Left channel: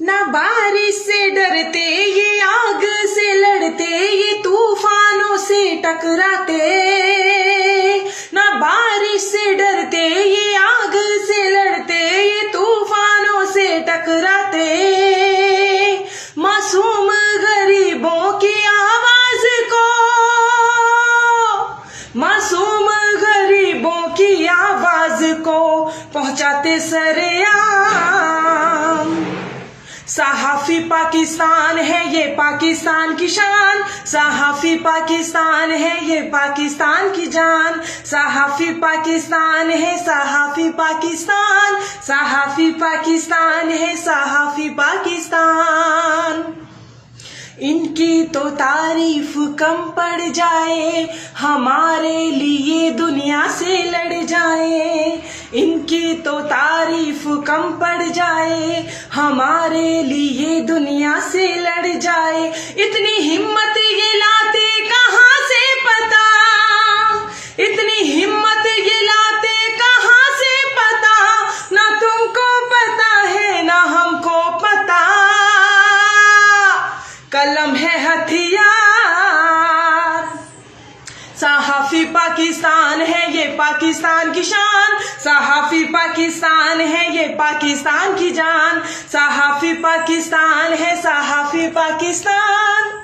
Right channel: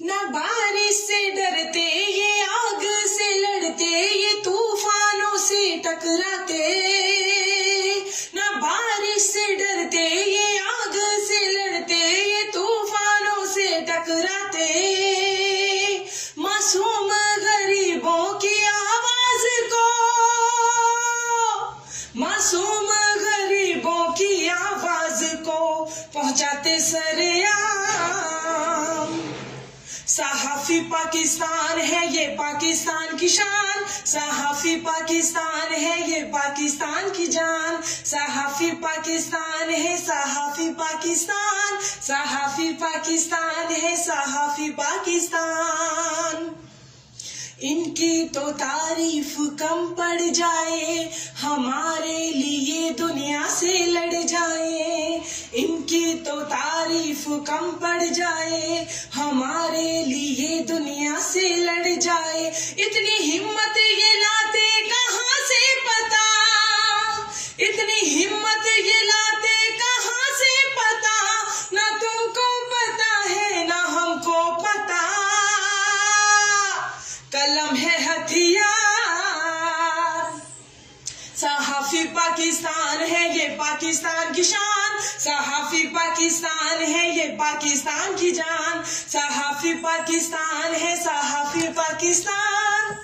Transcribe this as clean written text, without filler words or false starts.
ना बारिश से डरते ये आग से लड़ते, ये तूफानों से टकराते। ना बारिश से डरते ये आग से लड़ते, ये तूफानों से टकराते। मासूम गरीबों की आवाज को, मासूम गरीबों की आवाज को पहुंचाते सरेआम। सहाफी पाकिस्तान है ये पाकिस्तान की शान, सहाफी पाकिस्तान है ये पाकिस्तान की जान। सहाफी पाकिस्तान है, सहाफी पाकिस्तान, सहाफी पाकिस्तान है, सहाफी पाकिस्तान। इनकी तो तारीफ कम पड़ जाए, हमारे लिए दुनिया से लड़ जाए। इनकी तो तारीफ कम पड़ जाए, हमारे लिए दुनिया से लड़ जाए। इतनी हिम्मत ये लाते कहाँ से पता, इतनी हिम्मत ये लाते कहाँ से पता। ना तुमको पता है ना हमको पता, कलम है हथियार। सहाफी पाकिस्तान है ये पाकिस्तान की शान, सहाफी पाकिस्तान है ये पाकिस्तान की जान। सहाफी पाकिस्तान है, सहाफी पाकिस्तान।